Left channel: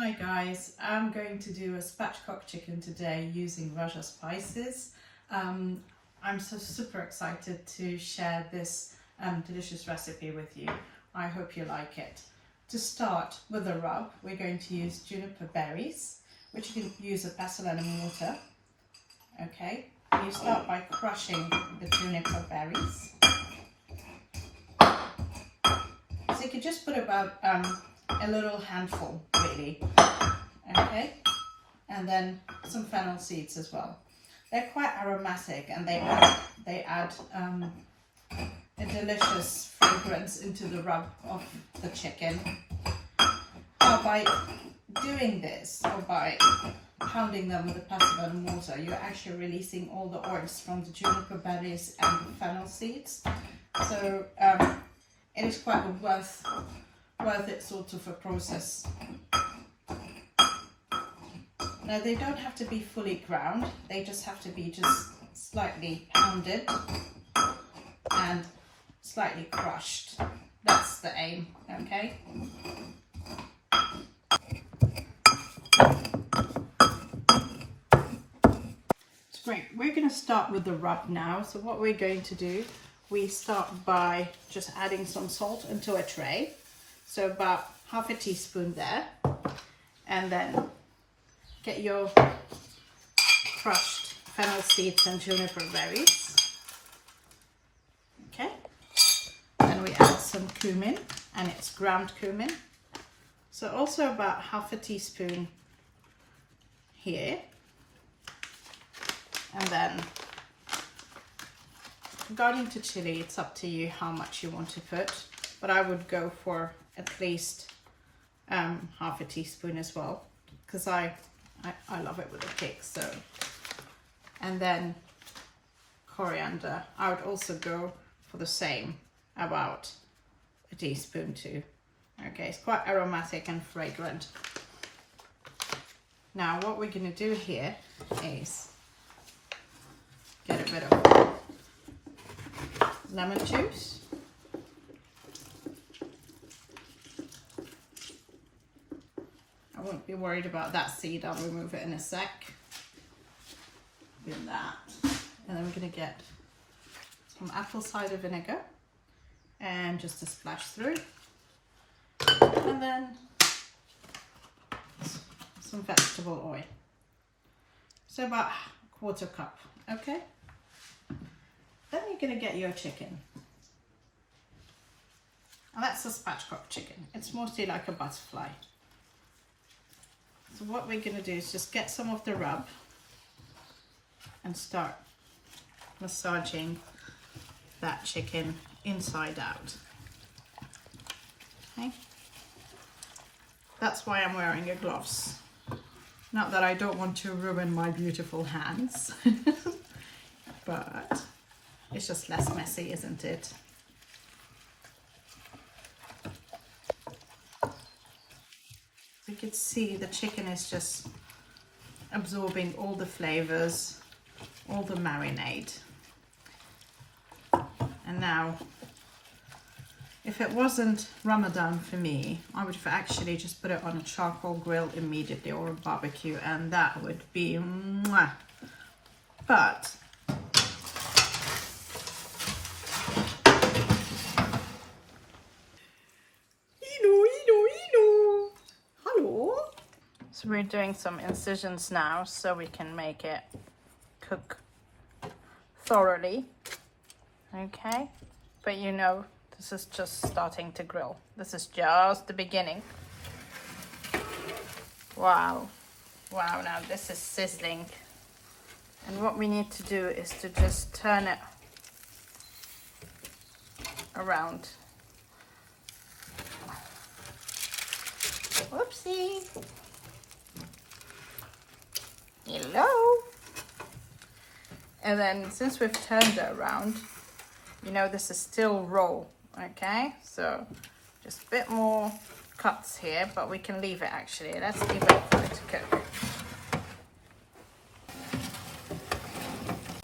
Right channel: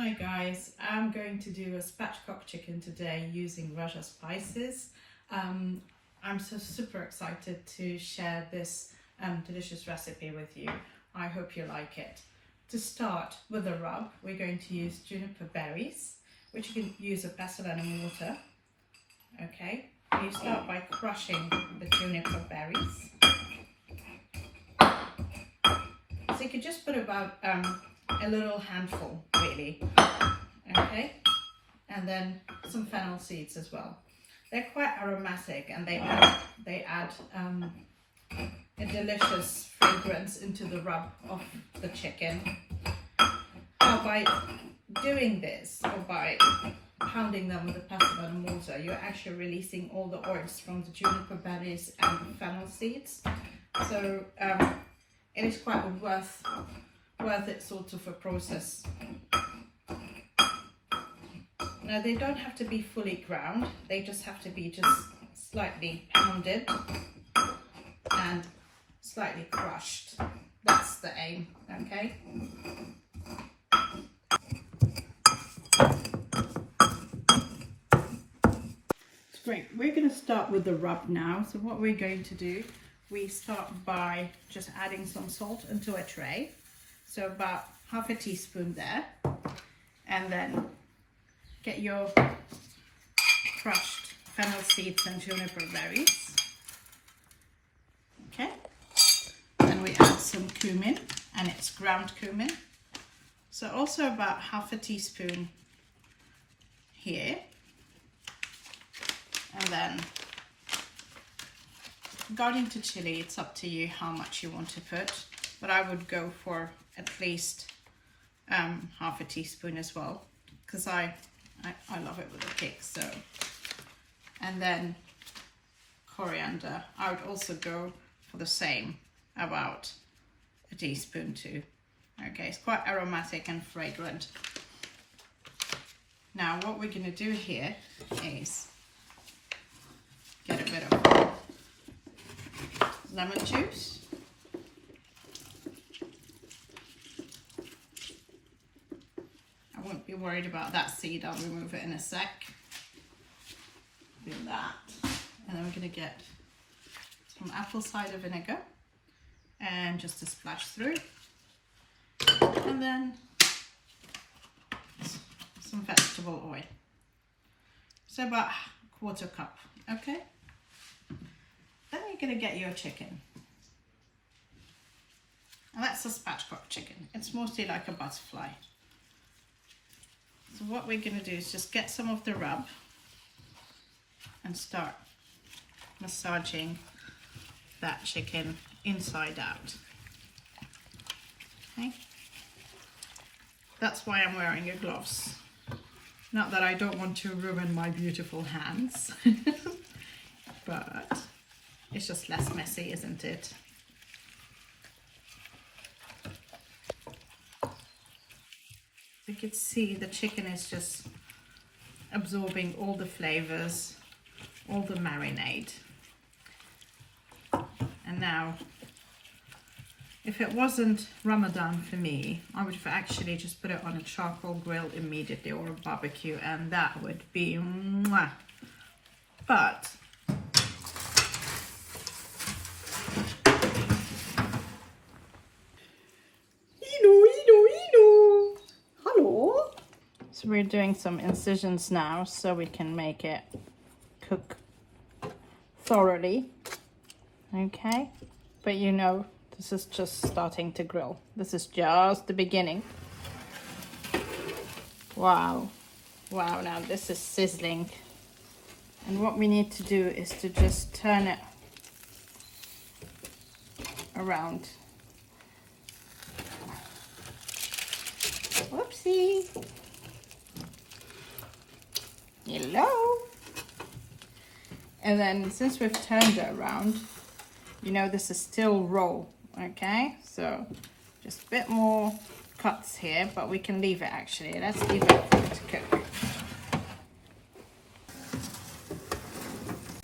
Hi guys, I'm going to do a spatchcock chicken today using Raja spices. I'm so super excited to share this delicious recipe with you. I hope you like it. To start with the rub, we're going to use juniper berries, which you can use a pestle and a mortar. Okay, you start by crushing the juniper berries. So you could just put about a little handful, really. Okay, and then some fennel seeds as well. They're quite aromatic and they add a delicious fragrance into the rub of the chicken. Now, by doing this, or by pounding them with a pestle and mortar, you're actually releasing all the oils from the juniper berries and the fennel seeds. So it is quite a worth it sort of a process. Now, they don't have to be fully ground, they just have to be just slightly pounded and slightly crushed. That's the aim, okay? Great, we're going to start with the rub now. So what we're going to do, we start by just adding some salt into a tray. So about half a teaspoon there, and then get your crushed fennel seeds and juniper berries. Okay, then we add some cumin, and it's ground cumin. So also about half a teaspoon here. And then regarding to chili, it's up to you how much you want to put, but I would go for at least half a teaspoon as well, because I love it with a kick. So, and then coriander, I would also go for the same, about a teaspoon too. Okay, it's quite aromatic and fragrant. Now what we're going to do here is get a bit of lemon juice. I won't be worried about that seed, I'll remove it in a sec. Do that. And then we're going to get some apple cider vinegar and just a splash through. And then some vegetable oil. So about a quarter cup, okay? Then you're going to get your chicken. And that's a spatchcock chicken. It's mostly like a butterfly. So what we're going to do is just get some of the rub and start massaging that chicken inside out. Okay? That's why I'm wearing your gloves. Not that I don't want to ruin my beautiful hands, but it's just less messy, isn't it? So you can see the chicken is just absorbing all the flavors, all the marinade. And now, if it wasn't Ramadan for me, I would have actually just put it on a charcoal grill immediately, or a barbecue, and that would be mwah. But hello. So we're doing some incisions now so we can make it cook thoroughly. Okay, but you know, this is just starting to grill. This is just the beginning. Wow, wow, now this is sizzling. And what we need to do is to just turn it around. Whoopsie. Hello. And then since we've turned it around, you know, this is still raw, okay? So just a bit more cuts here, but we can leave it actually. Let's leave it for it to cook.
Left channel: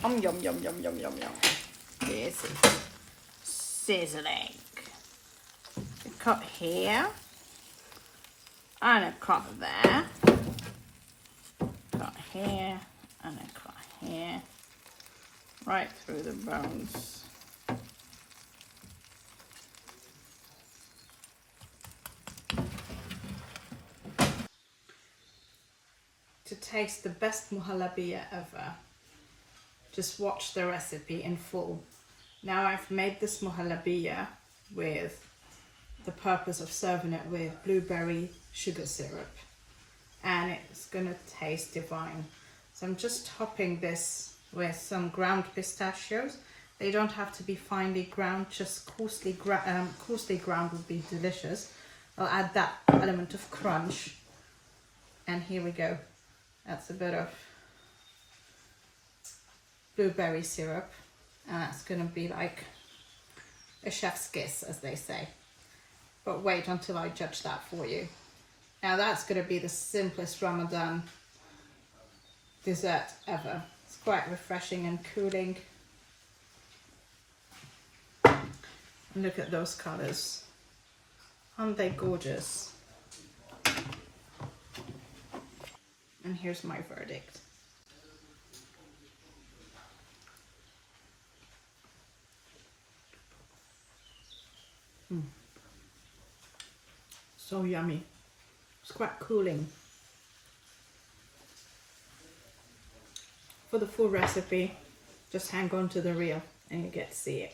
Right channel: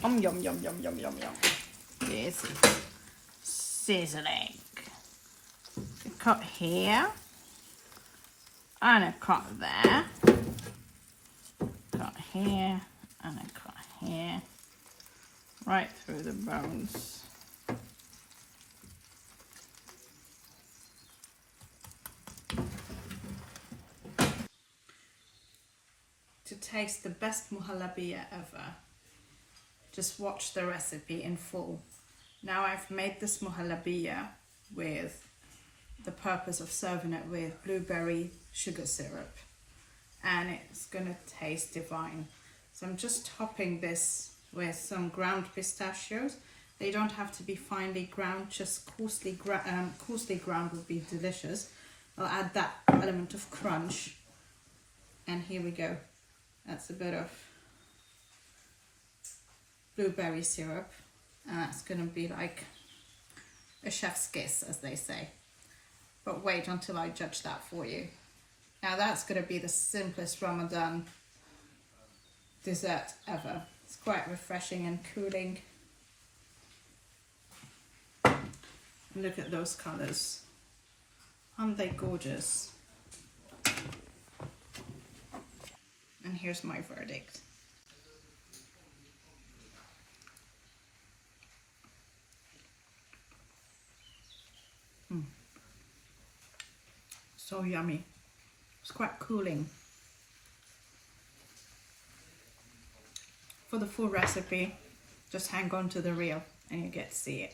Yum, yum, yum, yum, yum, yum, yum. This is sizzling. A cut here and a cut there. here and a cut here, right through the bones. To taste the best muhalabia ever, just watch the recipe in full. Now I've made this muhalabia with the purpose of serving it with blueberry sugar syrup, and it's gonna taste divine. So I'm just topping this with some ground pistachios. They don't have to be finely ground, just coarsely ground would be delicious. I'll add that element of crunch, and here we go. That's a bit of blueberry syrup, and that's gonna be like a chef's kiss, as they say. But wait until I judge that for you. Now that's gonna be the simplest Ramadan dessert ever. It's quite refreshing and cooling. And look at those colors. Aren't they gorgeous? And here's my verdict. So yummy. It's quite cooling. For the full recipe, just hang on to the reel and you get to see it.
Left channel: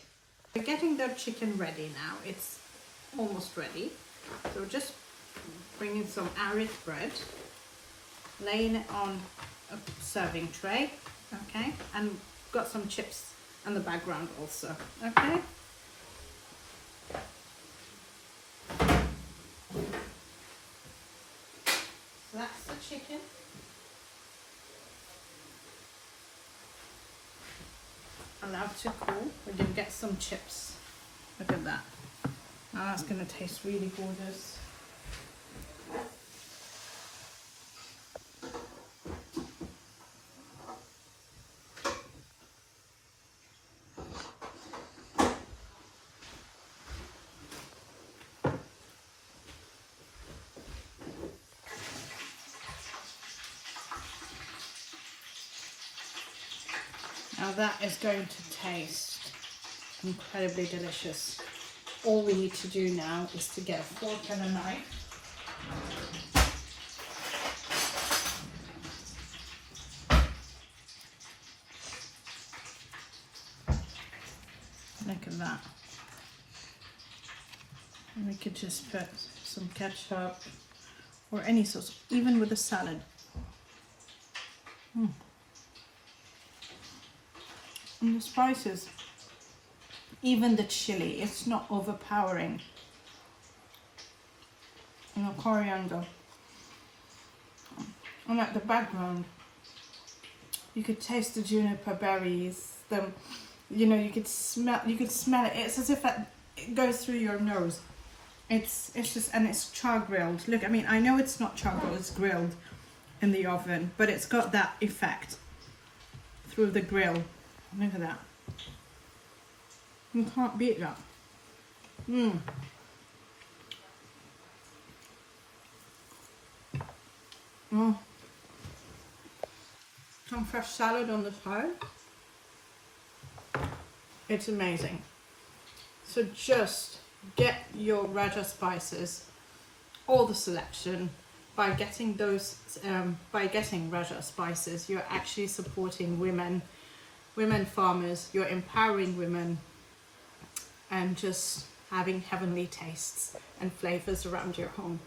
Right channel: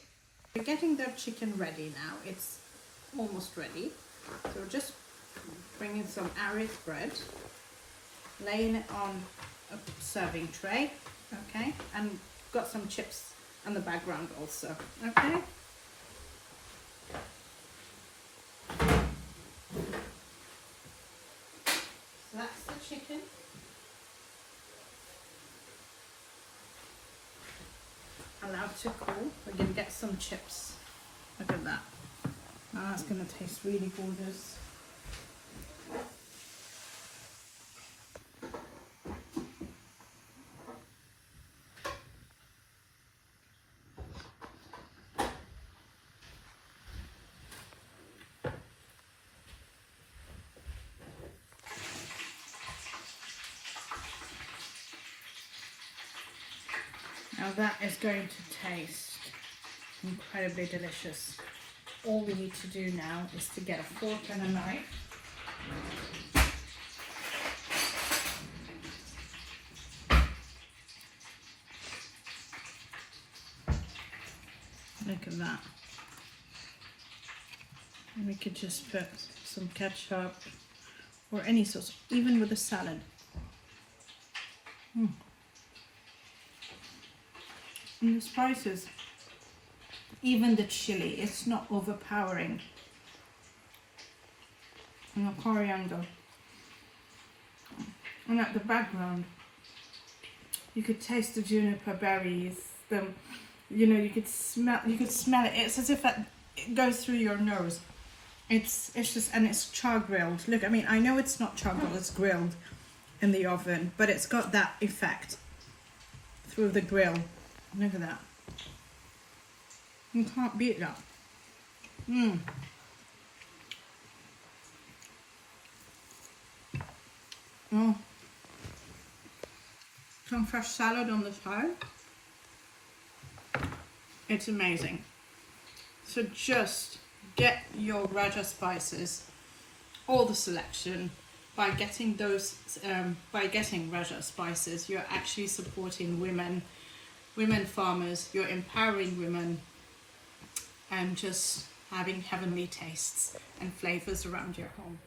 We're getting the chicken ready now. It's almost ready. So just bringing some Arif bread, laying it on a serving tray, okay? And got some chips in the background also, okay? So that's the chicken. Allowed to cool. We're gonna get some chips. Look at that. Now that's gonna taste really gorgeous. Now that is going to taste incredibly delicious. All we need to do now is to get a fork and a knife. Look at that. And we could just put some ketchup or any sauce, even with a salad. And the spices, even the chili, it's not overpowering. And the coriander. And at the background, you could taste the juniper berries. You know, you could smell it. It's as if it goes through your nose. It's just, and it's char grilled. Look, I mean, I know it's not char grilled, it's grilled in the oven, but it's got that effect through the grill. Look at that. You can't beat that. Some fresh salad on the side. It's amazing. So just get your Raja spices, all the selection. By getting those, by getting Raja spices, you're actually supporting women farmers, you're empowering women, and just having heavenly tastes and flavors around your home.